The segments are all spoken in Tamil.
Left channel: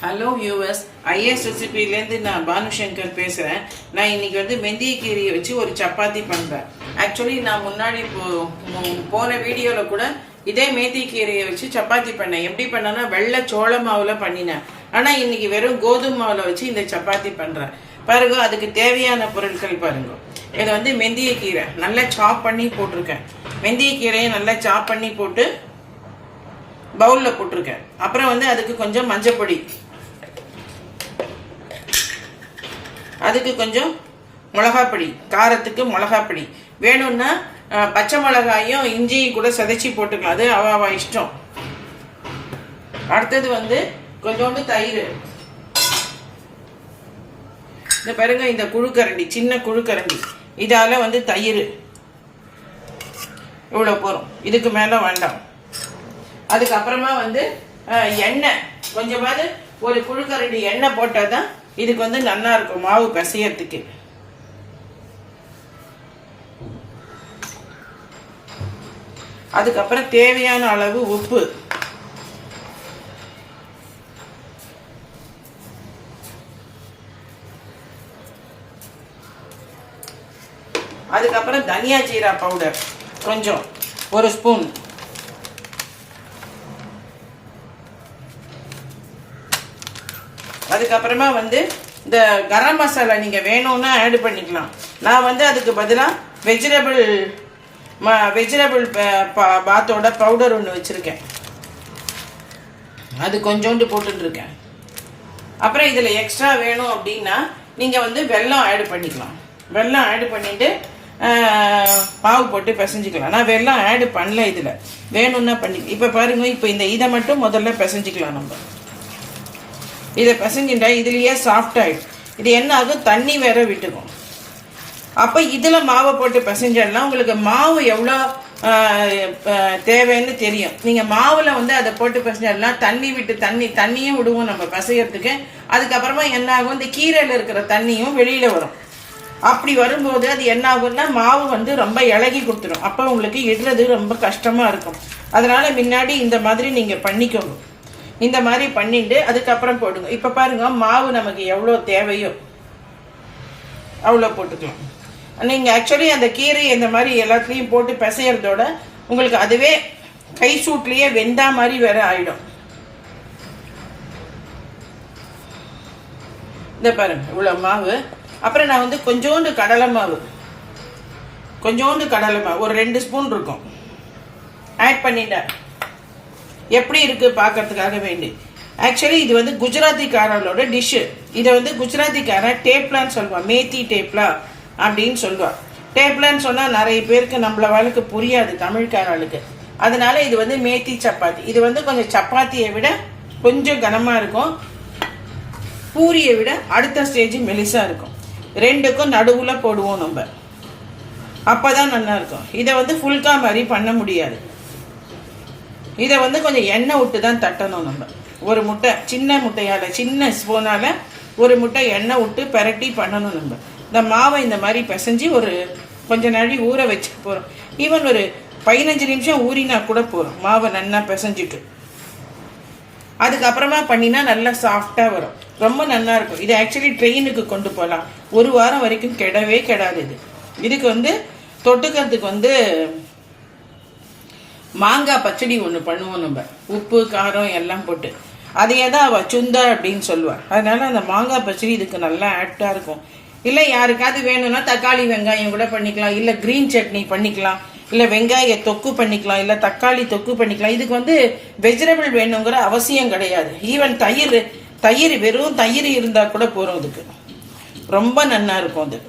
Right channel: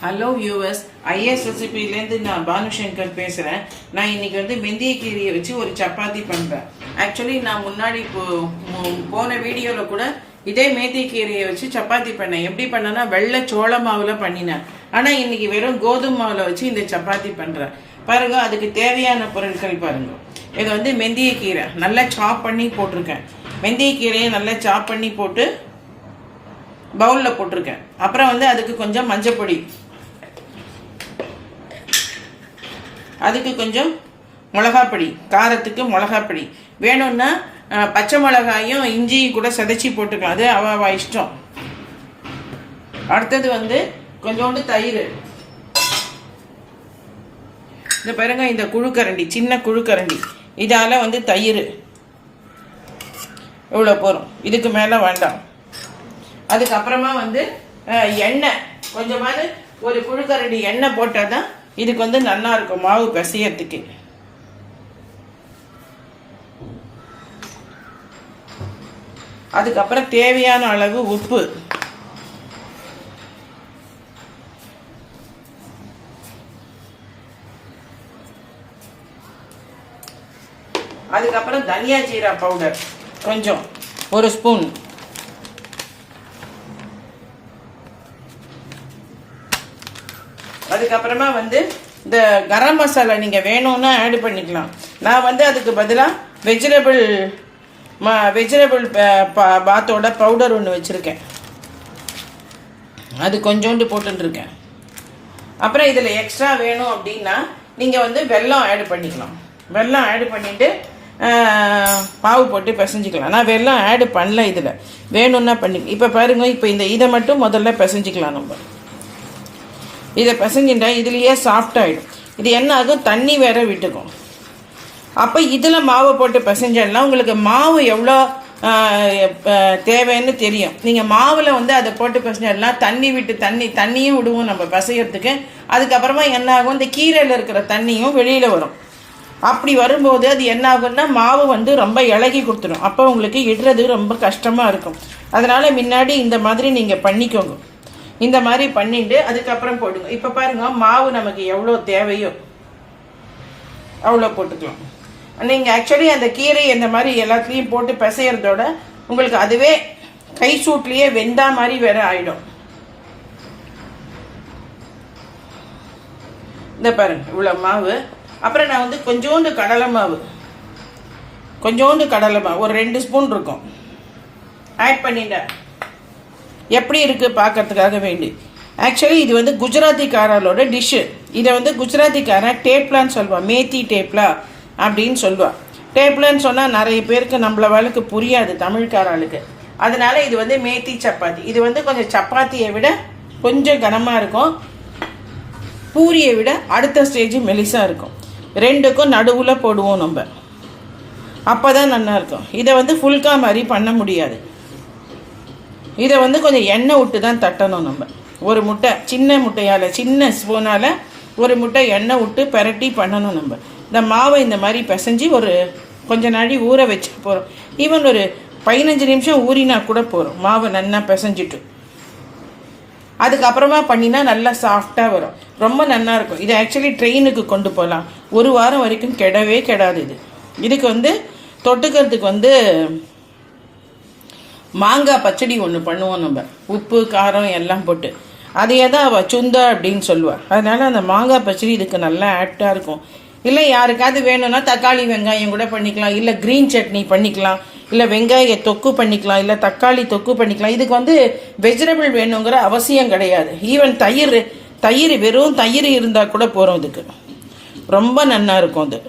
ஹலோ வியூவர்ஸ் ஐஎஸ் ரெசிபிலேருந்து நான் பானுசங்கர் பேசுகிறேன் நான் இன்னைக்கு வந்து மெந்திய கீரையை வச்சு ஒரு சப்பாத்தி பண்ணுறேன் ஆக்சுவலி நான் முன்னாடி போன வீடியோவில் கூட இதே மேத்திக்கீரையை வச்சு சப்பாத்தி பண்ணேன். எப்படி பண்ணேன்னா வெள்ளை சோள மாவில் பண்ணினேன். ஆனால் இன்னைக்கு வெறும் கோதுமை மாவில் வச்சு இந்த சப்பாத்தி பண்ணுறேன் பாருங்க அதுக்கு தேவையான பொருட்கள் பாருங்க. இது வந்து வெந்தயக்கீரை நல்லா சாப் பண்ணி போட்டிருக்கேன். வெந்தயக்கீரையை நல்லா சாப் பண்ணி போட்டு பவுலில் போட்டிருக்கேன். அப்புறம் வந்து அதுக்கு கொஞ்சம் மஞ்சப்பொடி. அதுக்கு கொஞ்சம் மிளகாப்பொடி காரத்துக்கு மிளகாப்பொடி. வேணும்னா அஹ், பச்சை மிளகாயும் இஞ்சியும் கூட சிதைச்சி போட்டுக்கலாம். அது அவ அவ இஷ்டம். அடுத்தது வந்து கொஞ்சோண்டு தயிர். இந்த பாருங்க இந்த குழுக்கரண்டி சின்ன குழுக்கரண்டி. இதால வந்து தயிர். இவ்வளோ போகிறோம் இதுக்கு மேலே வேண்டாம். அதுக்கப்புறமா வந்து எண்ணெய். கொஞ்சமாவது ஒரு குழுக்கரண்டி எண்ணெய் போட்டால் தான் இதுக்கு வந்து நல்லா இருக்கும் மாவு பிசையறதுக்கு. அதுக்கப்புறம் தேவையான அளவு உப்பு. அதுக்கப்புறம் தனியா ஜீரா பவுடர் கொஞ்சம் ஒரு ஸ்பூன். அதுக்கப்புறமா வந்து இந்த கரம் மசாலா நீங்கள் வேணும்னா ஆட் பண்ணிக்கலாம். நான் வந்து அதுக்கு பதிலாக வெஜிடபிள் வெஜிடபிள் பாத்தோட பவுடர் ஒன்று வச்சுருக்கேன். அது கொஞ்சோண்டு போட்டுருக்கேன் அப்புறம் இதில் எக்ஸ்ட்ரா வேணும் அப்படின்னா நீங்கள் வந்து வெல்லம் ஆட் பண்ணிக்கலாம். வெல்லம் ஆட் பண்ணிவிட்டு பாவு போட்டு பிசைஞ்சிக்கலாம். நான் வெல்லம் ஆட் பண்ணல இதில். வேணும்னா பண்ணி இப்போ பாருங்கள் இப்போ இந்த இதை மட்டும் முதல்ல பிசைஞ்சிக்கலாம் நம்ம. இதை பிசைஞ்சிட்டா இதுலேயே சாஃப்ட் இது என்ன ஆகும்? தண்ணி வேற விட்டுக்கும். அப்போ இதில் மாவை போட்டு பிசைஞ்சோம்னா உங்களுக்கு மாவு எவ்வளோ தேவைன்னு தெரியும். நீங்கள் மாவில் வந்து அதை போட்டு பிசைஞ்சோம்னா தண்ணி விட்டு தண்ணி தண்ணியும் விடுவோம் நம்ம பிசையறதுக்கு. அதுக்கப்புறமா என்ன ஆகும்? இந்த கீரையில் இருக்கிற தண்ணியும் வெளியில் வரும். அப்படி வரும்போது அது என்ன ஆகும்னா மாவு வந்து ரொம்ப இலகி கொடுத்துடும். அப்போ உங்களுக்கு இடுறது ரொம்ப கஷ்டமாக இருக்கும். அதனால் முன்னாடி இந்த மாதிரி நீங்கள் பண்ணிக்கோங்க. இந்த மாதிரி பண்ணிட்டு அதுக்கப்புறம் போடுங்க. இப்போ பாருங்க மாவு நமக்கு எவ்வளோ தேவையோ அவ்வளோ போட்டுக்கலாம். நீங்கள் ஆக்சுவலி அந்த கீரை இந்த மாதிரி எல்லாத்துலேயும் போட்டு பிசையறதோட உங்களுக்கு அதுவே கை சூட்லேயே வெந்தா மாதிரி வேற ஆயிடும். இந்த பாருங்க இவ்வளோ மாவு. அப்புறம் நான் வந்து கொஞ்சோண்டு கடலை மாவு. கொஞ்சோண்டு கடலை மாவு. ஒரு ரெண்டு ஸ்பூன் இருக்கும். ஆட் பண்ணிட்டேன். எப்படி இருக்கு பார்க்கறதுக்காக வேண்டி. ஆக்சுவலி இது வந்து குஜராத்திக்காரங்களோட டிஷ்ஷு இதை வந்து குஜராத்திக்காரன் டேப்லான்னு சொல்லுவான். மேத்தி டேப்லா அப்படின்னு சொல்லுவான். டேப்லான்னு சொன்னால் நிறைய பேருக்கு நம்மள வாழ்க்கை புரியாது தமிழ்காரர்களுக்கு அதனால இது வந்து மேத்தி சப்பாத்தி. இது வந்து கொஞ்சம் சப்பாத்தியை விட கொஞ்சம் கனமாக இருக்கும். பூரியை விட அடுத்த ஸ்டேஜ் மெலிசாக இருக்கும். ரெண்டுக்கும் நடுவில் போடுவோம் நம்ம. அப்போ தான் நல்லாயிருக்கும் இதை வந்து ஃபுல்கா மாதிரி பண்ண முடியாது. இதை வந்து கொஞ்சம் எண்ணெய் விட்டு தான் தட்டணும் நம்ம. ஒரு முட்டை சின்ன முட்டையால் சின்ன ஸ்பூனால் ஒரு முட்டை எண்ணெய் விட்டு பெரட்டி பண்ணணும் நம்ம. இந்த மாவை இந்த மாதிரி பிசைஞ்சு ஒரு கொஞ்ச நாளி ஊற வச்சு போகிறோம் ஈவன் ஒரு பதினஞ்சு நிமிஷம் ஊறினா கூட போகிறோம் மாவை நல்லா பிசைஞ்சிட்டு. அதுக்கப்புறமா பண்ணினா நல்லா சாஃப்டாக வரும். ரொம்ப நல்லா இருக்கும். இது ஆக்சுவலி ட்ரெயினுக்கு கொண்டு போகலாம் ஒரு வாரம் வரைக்கும் கெடவே கெடாது இது. இதுக்கு வந்து தொட்டுக்கிறதுக்கு வந்து மாங்காய் பச்சடி ஒன்று பண்ணுவோம் நம்ம. உப்பு காரம் எல்லாம் போட்டு. அதையே தான் அவள் சுந்தா அப்படின்னு சொல்லுவாள் அதனால அந்த மாங்காய் பச்சடி இதுக்கு நல்லா ஆப்டாக இருக்கும். இல்லை யாருக்காவது வேணும்னா தக்காளி வெங்காயம் கூட பண்ணிக்கலாம். இல்லை க்ரீன் சட்னி பண்ணிக்கலாம். இல்லை வெங்காய தொக்கு பண்ணிக்கலாம். இல்லை தக்காளி தொக்கு பண்ணிக்கலாம். இதுக்கு வந்து வெஜிடபிள் வேணுங்கிற அவசியம் கிடையாது. ஈவன் தயிர் தயிர் வெறும் தயிர் இருந்தால் கூட போகிறோம் இதுக்கு. ரொம்ப நன்னா இருக்கும் அது.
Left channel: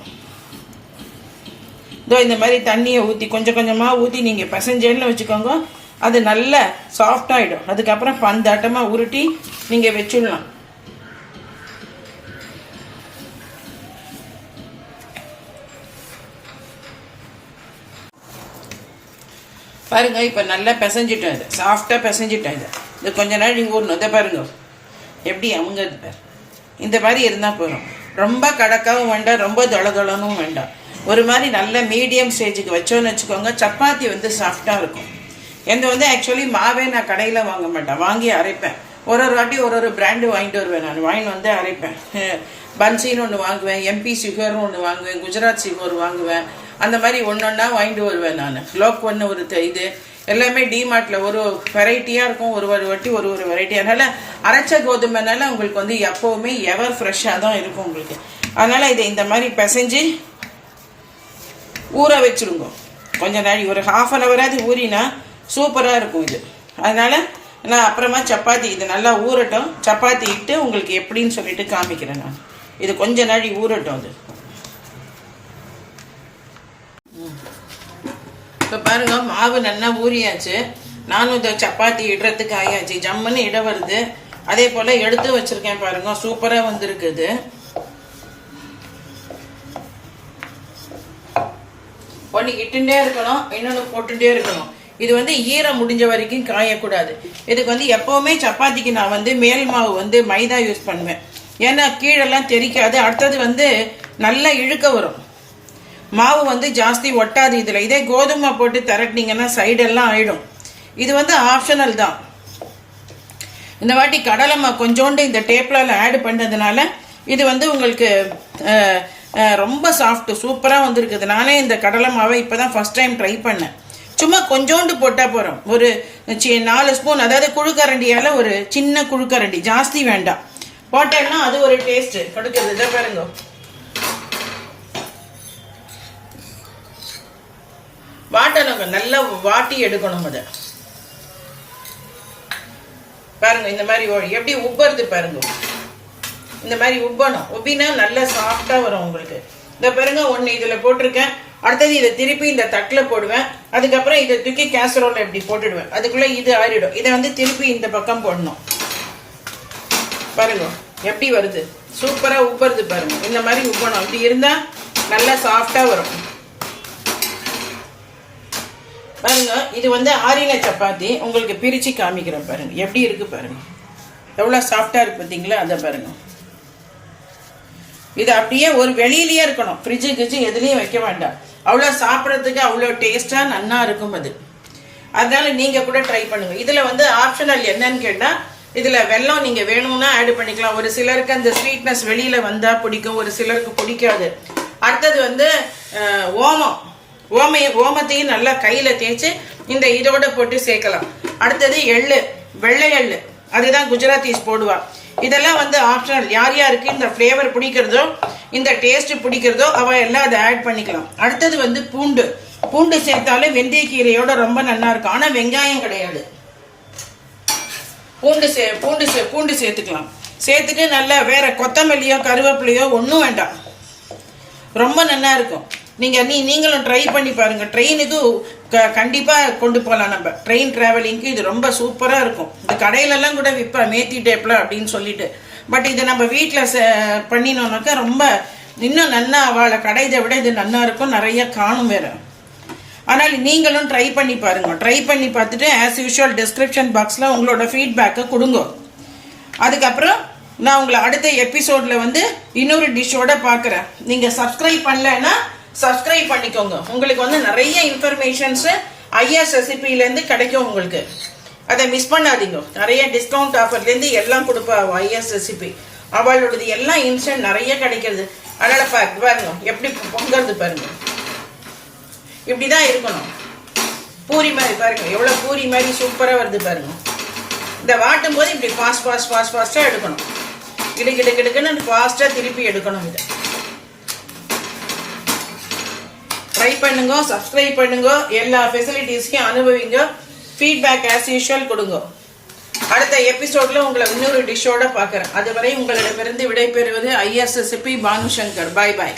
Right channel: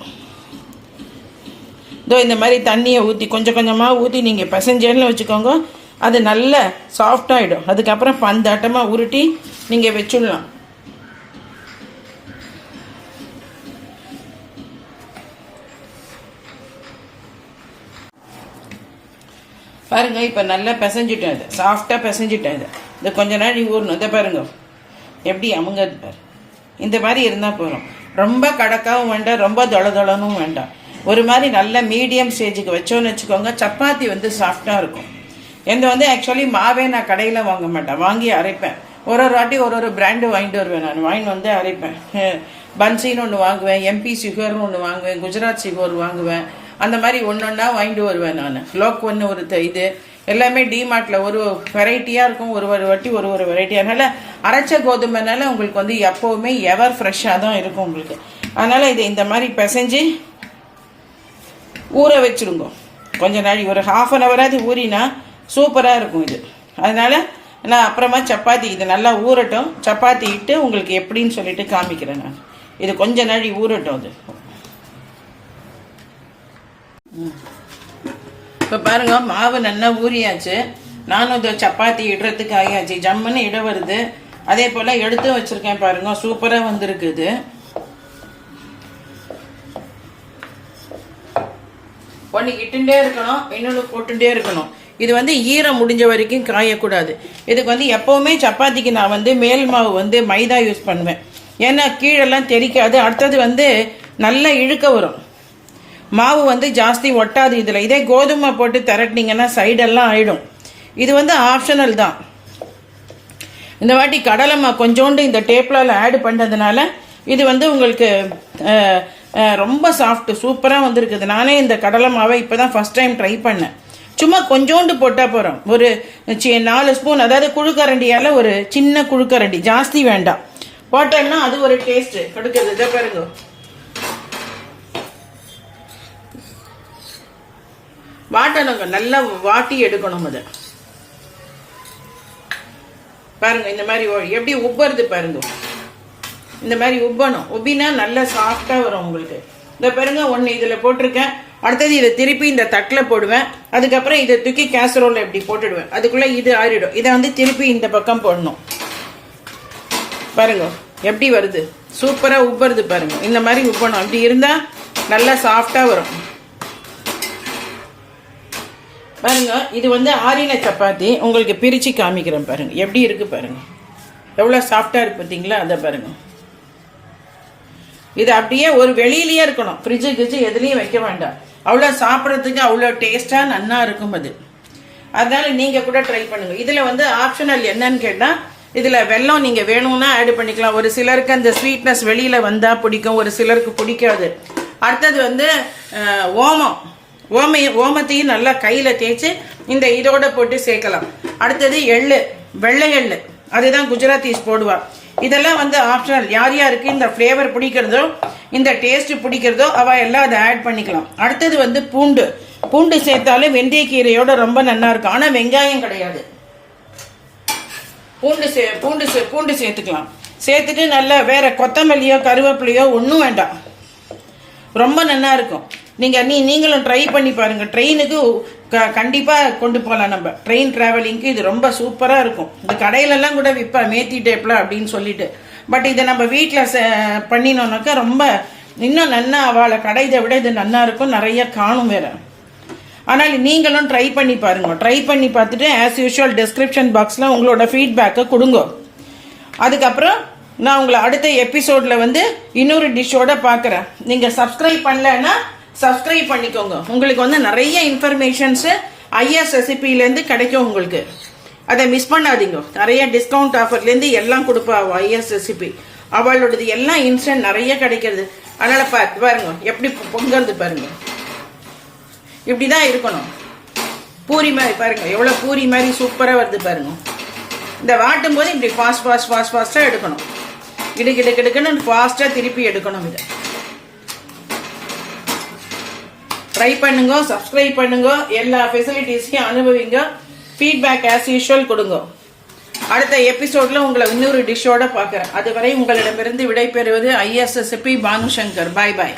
இதோ இந்த மாதிரி தண்ணியை ஊற்றி கொஞ்சம் கொஞ்சமாக ஊற்றி நீங்கள் பசஞ்சேன்னு வச்சுக்கோங்க. அது நல்ல சாஃப்ட் ஆகிடும் அதுக்கப்புறம் பந்தாட்டமாக உருட்டி நீங்கள் வச்சுடலாம். பாருங்க இப்போ நல்லா பிசைஞ்சிட்டோம் இது. சாஃப்டாக பிசைஞ்சிட்டோம் இது. இது கொஞ்ச நாள் ஊறணும். இதை பாருங்க. எப்படி அமுங்கிறது பாரு. இந்த மாதிரி இருந்தால் போதும். ரொம்ப கடக்காவும் வேண்டாம். ரொம்ப தொளதொளனும் வேண்டாம். ஒரு மாதிரி நல்ல மீடியம் ஸ்டேஜுக்கு வச்சோன்னு வச்சுக்கோங்க சப்பாத்தி வந்து சாஃப்டாக இருக்கும். எந்த வந்து ஆக்சுவலி மாவே நான் கடையில் வாங்க மாட்டேன். வாங்கி அரைப்பேன். ஒரு ஒரு வாட்டி ஒரு ஒரு பிராண்டு வாங்கிட்டு வருவேன் நான். வாங்கிட்டு வந்து அரைப்பேன். பன்சின்னு ஒன்று வாங்குவேன் எம்பி சுகர்னு ஒன்று வாங்குவேன் குஜராத் சுகர் வாங்குவேன். அந்த மாதிரி ஒன்று ஒன்றா வாங்கிட்டு வருவேன் நான். லோக் ஒன்று ஒரு இது. எல்லாமே டிமார்ட்டில் ஒரு வெரைட்டியாக இருக்கும். ஒரு ஒரு வாட்டி ஒரு ஒரு வெரைட்டி அதனால் அரைச்ச கோதுமைனால உங்களுக்கு வந்து எப்போவுமே எவர் ஃப்ரெஷ்ஷாக தான் இருக்கும் உங்களுக்கு. அதனால் இதை இந்த மாதிரி பிசைஞ்சு ஊற வச்சிருங்க கொஞ்சம் நாளை ஒரு ஹாஃப் அன் ஹவராது ஊறினா சூப்பராக இருக்கும் இது. அதனால் நான் அப்புறமா சப்பாத்தி இது நல்லா ஊறட்டும். சப்பாத்தி இட்டு உங்களுக்கு எப்படின்னு சொல்லிட்டு காமிக்கிறேன் நான். இது கொஞ்ச நாளி ஊறட்டும் அது. இப்போ பாருங்கள் மாவு நல்லா ஊறியாச்சு. நானும் இந்த சப்பாத்தி இடுறதுக்கு ஆயாச்சு. ஜம்முன்னு இட வருது. அதே போல் எடுத்து வச்சுருக்கேன் பாருங்க சூப்பராக வந்திருக்குது. ஒன்று இருக்கணும் இன்னொன்று போட்டுட்டே இருக்கணும். இது வந்து ஈரம் முடிஞ்ச வரைக்கும் காயக்கூடாது. இதுக்கு வந்து எப்போவுமே சப்பாத்திக்கு நான் வந்து மேல் மாவு வந்து மைதா யூஸ் பண்ணுவேன். ஏன்னா கீழெல்லாம் தெரிக்காது. அடுத்தது வந்து நல்லா இழுக்க வரும். மாவு வந்து ஜாஸ்தி ஒட்டாது இதில். இதே கோதுமை போட்டு திரட்டினீங்கன்னா சைடெல்லாம் ஆயிடும். இது வந்து ஆப்ஷனல் தான். இந்த வாட்டி கடலை மா கொஞ்சோண்டு இந்த டேப்லால் ஆட் பண்ணுறதுனால இது வந்து உங்களுக்கு ரொம்ப சாஃப்ட் சூப்பராக வந்திருக்குது. நானே இந்த கடலை மாவை இப்போ தான் ஃபஸ்ட் டைம் ட்ரை பண்ணேன். சும்மா கொஞ்சோண்டு போட்டால் போகிறோம் ஒரு நாலு ஸ்பூன் அதாவது குழுக்கரண்டியால் ஒரு சின்ன குழுக்கரண்டி. ஜாஸ்தி வேண்டாம். போட்டேன்னா அது ஒரு டேஸ்ட்டு கொடுக்குறது இதை பாருங்க. வாட்டணுங்க நல்லா வாட்டி எடுக்கணும் அதை பாருங்க இந்த மாதிரி எப்படி உப்பறது பாருங்க. இந்த மாதிரி உப்பணும். உப்பினா நல்லா சாஃப்டா வரும் உங்களுக்கு. இந்த பாருங்க ஒன்று இதில் போட்டிருக்கேன். அடுத்தது இதை திருப்பி இந்த தட்டில் போடுவேன். அதுக்கப்புறம் இதை தூக்கி கேசரோல இப்படி போட்டுடுவேன். அதுக்குள்ள இது ஆறிடும். இதை வந்து திருப்பி இந்த பக்கம் போடணும். பாருங்க எப்படி வருது? சூப்பரா உப்புறது பாருங்க. இந்த மாதிரி உப்பணும். அப்படி இருந்தா நல்லா சாஃப்டா வரும். பாருங்க இது வந்து ஆரின சப்பாத்தி. உங்களுக்கு பிரிச்சு காமிக்கிறேன் பாருங்க. எப்படி இருக்கு பாருங்க. எவ்வளவு சாஃப்டா இருக்கு பார்த்தீங்களா? அதை பாருங்க. இது அப்படியே ஒரு வெளியிலயே இருக்கணும். ஃப்ரிட்ஜு கிரிட்ஜு எதுலேயும் வைக்க வேண்டாம். அவ்வளோ சாப்பிட்றதுக்கு அவ்வளோ டேஸ்ட்டாக நன்னா இருக்கும் அது. அதனால நீங்கள் கூட ட்ரை பண்ணுங்க. இதில் வந்து ஆப்ஷனல் என்னன்னு கேட்டால் இதில் வெல்லம் நீங்கள் வேணும்னா ஆட் பண்ணிக்கலாம். ஒரு சிலருக்கு அந்த ஸ்வீட்னஸ் வெளியில் வந்தால் பிடிக்கும். ஒரு சிலருக்கு பிடிக்காது. அடுத்தது வந்து ஓமம். ஓமைய ஓமத்தையும் நல்லா கையில் தேய்ச்சி இந்த இதோட போட்டு சேர்க்கலாம். அடுத்தது எள்ளு. வெள்ளை எள்ளு. அதுதான் குஜராத்தீஸ் போடுவாள் இதெல்லாம் வந்து ஆப்ஷனல் யார் யாருக்கு இந்த ஃப்ளேவர் பிடிக்கிறதோ இந்த டேஸ்ட் பிடிக்கிறதோ அவ எல்லாம் அதை ஆட் பண்ணிக்கலாம். அடுத்தது வந்து பூண்டு. பூண்டு சேர்த்தாலும் வெந்தயக்கீரையோட ரொம்ப நல்லா இருக்கும். ஆனால் வெங்காயம் கிடையாது. பூண்டு சே பூண்டு சே பூண்டு சேர்த்துக்கலாம். சேர்த்துட்டு நல்லா வேற கொத்தமல்லியோ கருவேப்பிலையோ ஒன்றும் வேண்டாம். ரொம்ப நல்லா இருக்கும். நீங்கள் நீ நீங்களும் ட்ரை பண்ணி பாருங்கள் ட்ரெயினுக்கு க- கண்டிப்பா கொண்டு போகலாம் நம்ம. ட்ரெயின் டிராவலிங்க்கு இது ரொம்ப சூப்பரா இருக்கும். இந்த கடையிலெல்லாம் கூட விற்பா மேத்தி டேப்ல அப்படின்னு சொல்லிட்டு. பட் இதை நம்ம வீட்டில் பண்ணினோம்னாக்கா ரொம்ப இன்னும் நன்னா அவளை கடைதை விட இது நன்னா இருக்கும். நிறைய காணும் வேற. ஆனால் நீங்களும் ட்ரை பண்ணி பாருங்க. ட்ரை பண்ணி பார்த்துட்டு ஆஸ் யூஷுவல் டிஸ்கிரிப்ஷன் பாக்ஸில் உங்களோட ஃபீட்பேக்கை கொடுங்க. அதுக்கப்புறம் நான் உங்களை அடுத்த எபிசோடில் வந்து இன்னொரு டிஷ்ஷோட பார்க்குறேன். நீங்கள் சப்ஸ்கிரைப் பண்ணலைன்னா சப்ஸ்கிரைப் பண்ணிக்கோங்க. உங்களுக்கு வந்து நிறைய இன்ஃபர்மேஷன்ஸ் ஐஎஸ் ரெசிபிலேருந்து கிடைக்கும் உங்களுக்கு. அதை மிஸ் பண்ணாதீங்க. நிறைய டிஸ்கவுண்ட் ஆஃபர்லேருந்து எல்லாம் கொடுப்பா ஐஎஸ் ரெசிபி அவளோடது எல்லாம் இன்ஸ்டன்ட் நிறைய கிடைக்கிறது. அதனால பாருங்க. எப்படி பொங்கிறது பாருங்க. இப்படிதான் இருக்கணும். பூரி மாதிரி பாருங்க. எவ்வளவு பூரி மாதிரி சூப்பரா வருது பாருங்க. இந்த வாட்டும் போது இப்படி ஃபாஸ்ட் ஃபாஸ்ட் ஃபாஸ்ட் ஃபாஸ்டா எடுக்கணும். கிடு கிடு கிடுக்குன்னு ஃபாஸ்டா திருப்பி எடுக்கணும் இதை. ட்ரை பண்ணுங்க சப்ஸ்கிரைப் பண்ணுங்க எல்லா ஃபெசிலிட்டிஸையும் அனுபவிங்க. ஃபீட்பேக் ஆஸ் யூஷுவல் கொடுங்க. அடுத்த எபிசோட்ல உங்களை இன்னொரு டிஷ்ஷோட பார்க்குறேன். அதுவரை உங்களிடமிருந்து விடைபெறுவது ஐஎஸ்எஸ்பி பானுசங்கர். பாய் பாய்